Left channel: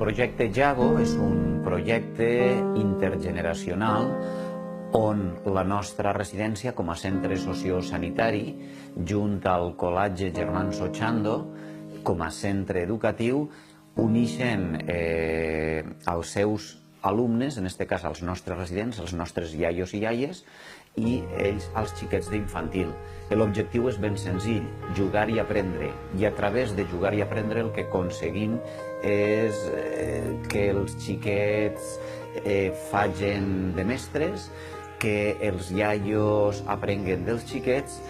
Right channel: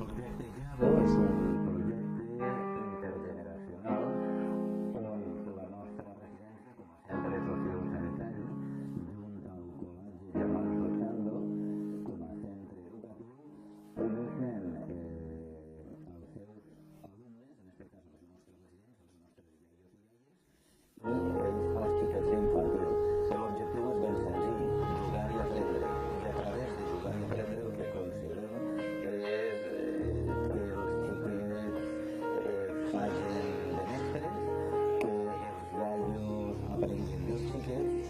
projecte Jago és un projecte intergeneracional on la nostra residència com a centre sociosanitari, junt al Col·legi Germans Ochando, com a centre educatiu, uneixen els seus alumnes, en aquest cas els nostres residents, els nostres iaios i iaies, i ells als xiquets d'infantil. L'objectiu és ben senzill, jugar i aprendre, i a través de jugar i aprendre el que aconseguim és que els xiquets facin de mestres, que els iaios aprenguen dels xiquets,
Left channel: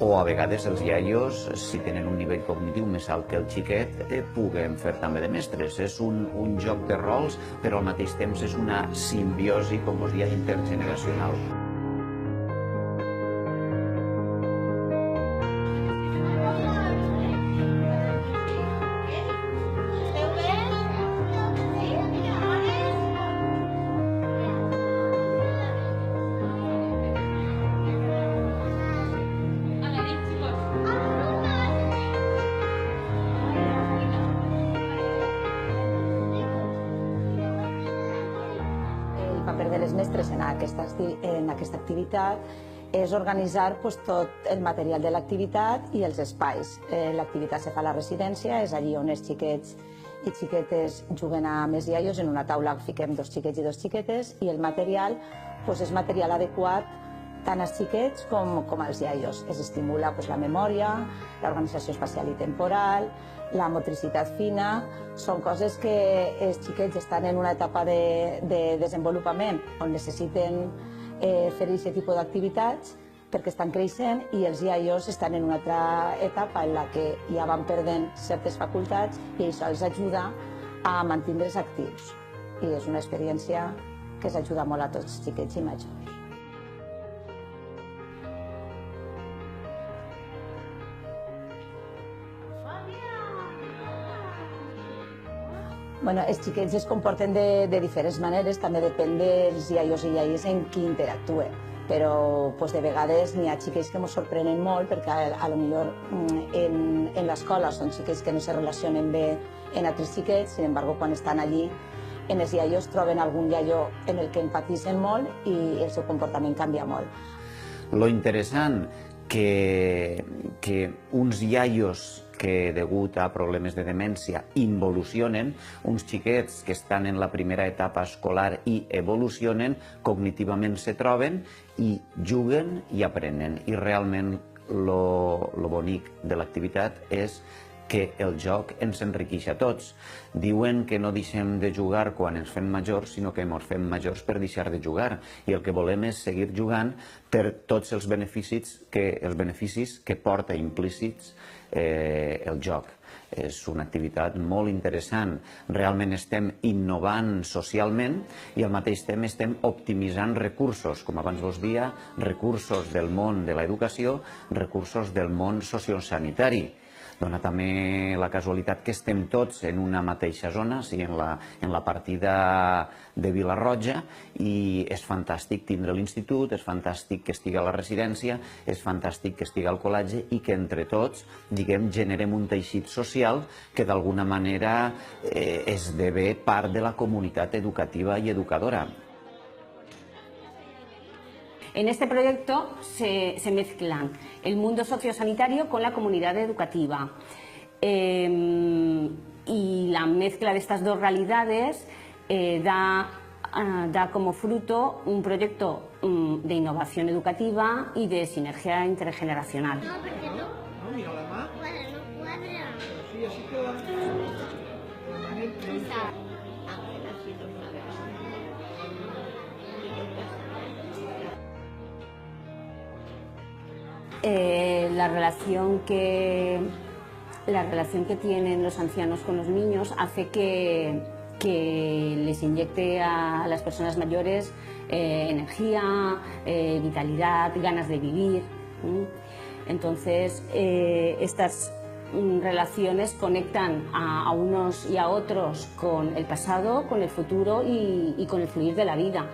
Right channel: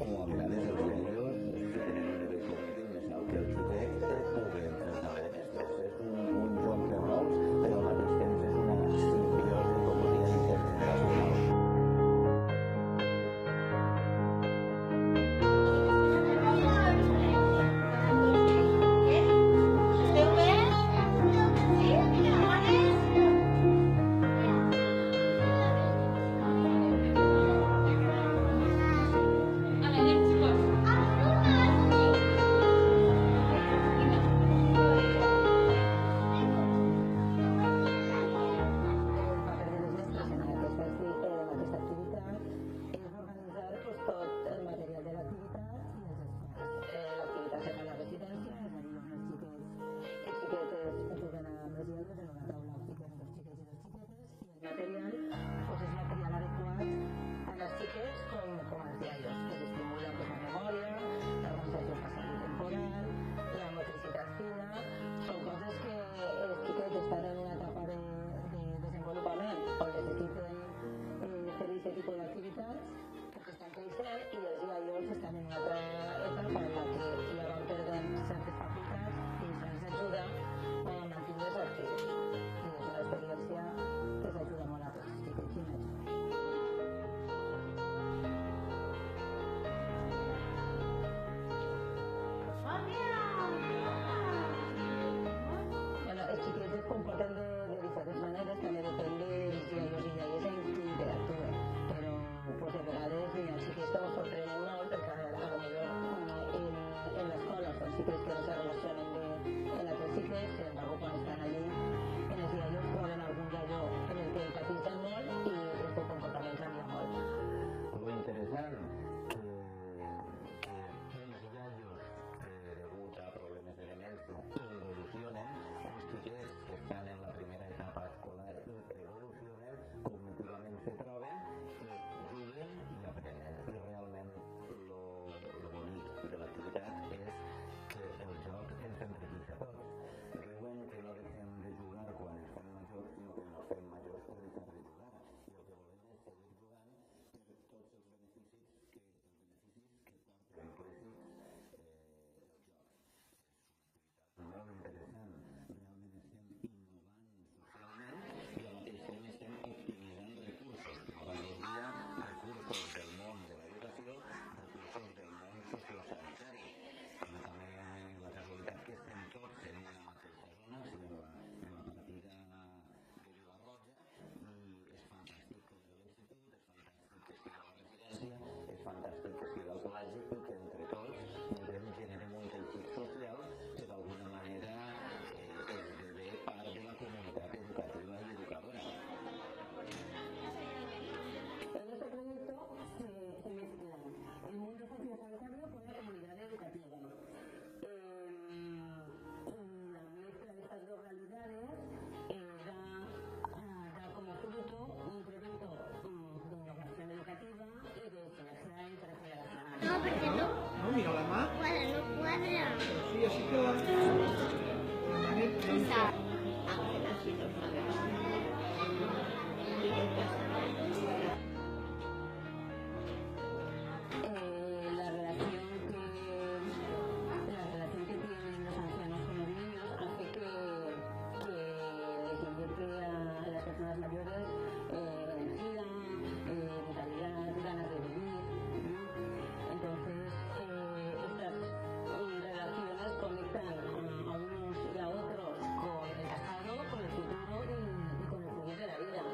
o a vegades els iaios, si tenen un nivell cognitiu més alt que el xiquet, puguen fer també de mestres. És un joc de rols, però al mateix temps és una simbiosi, com us deia, intergeneracional. Mestres en aquesta activitat és organitzar tot el material de l'activitat i els espais. L'activitat se fa a la residència, és allí on els xiquets i xiquetes juguen a més iaios, en una taula fiquem 2 xiquets i 2 xiquetes, i el material és material adequat tant als xiquets com als iaios. Es estimula la memòria, l'organització espacial i temporal, la motricitat fina. Són coses que els xiquets estan en una etapa de desenvolupament on necessiten fer aquest tipus d'activitats perquè estan creixent, i els iaios estan en una altra etapa en la que ja van perdent certes facultats i això els ajuda a mantindre's actius. I és una experiència que els ajuda molt a tots els xiquets i majors. Els xiquets es comporten de diferents maneres, també depèn dels iaios i iaies en qui interactuen. Però de vegades n'hi ha xiquets que ens sorprenen molt perquè potser en l'escola són xiquets que no se relacionen bé amb altres xiquets, sin embargo, quan estan allí, en els iaios troben algun iaio en el que empatitzen molt i el seu comportament canvia molt. Lo interessant que uns iaios que degut a problemes de demència involucionen, uns xiquets que estan en la primera etapa escolar i evolucionen, cognitivament se troben i juguen i aprenen. I realment lo bonic de l'activitat és que el joc ens enriqueix a tots. Diuen que no deixem de jugar quan ens fem majors, sinó que ens fem majors per deixar de jugar. I el que volem és seguir jugant per tots els beneficis que porta implícits el joc. És una activitat molt interessant. Realment estem innovant socialment i al mateix temps estem optimitzant recursos, com abans vos deia, recursos del món de l'educació, recursos del món sociosanitari. Dona també la casualitat que estem tots en una mateixa zona, sigui en la partida de Vila-roja, i és fantàstic tindre l'institut, és fantàstic que estigui a la residència, és fantàstic que estigui al col·legi i que entre tots, generem un teixit social que d'alguna manera esdevé part de la comunitat educativa i educadora. En este proyecto se mezclan el mundo sociosanitario con la comunidad educativa, y la mezcla de estas dos realidades da como fruto un proyecto de innovación educativa y de sinergia intergeneracional. No, perquè no. No, mira la mà. No quadra. Però sí, així que... La relación que tienen los ancianos con los niños hace que les inyecte a las personas mayores energía, vitalidad, ganas de vivir. Entonces, estas relaciones conectan a unos y a otros con el pasado, con el futuro y con el fluir de la vida.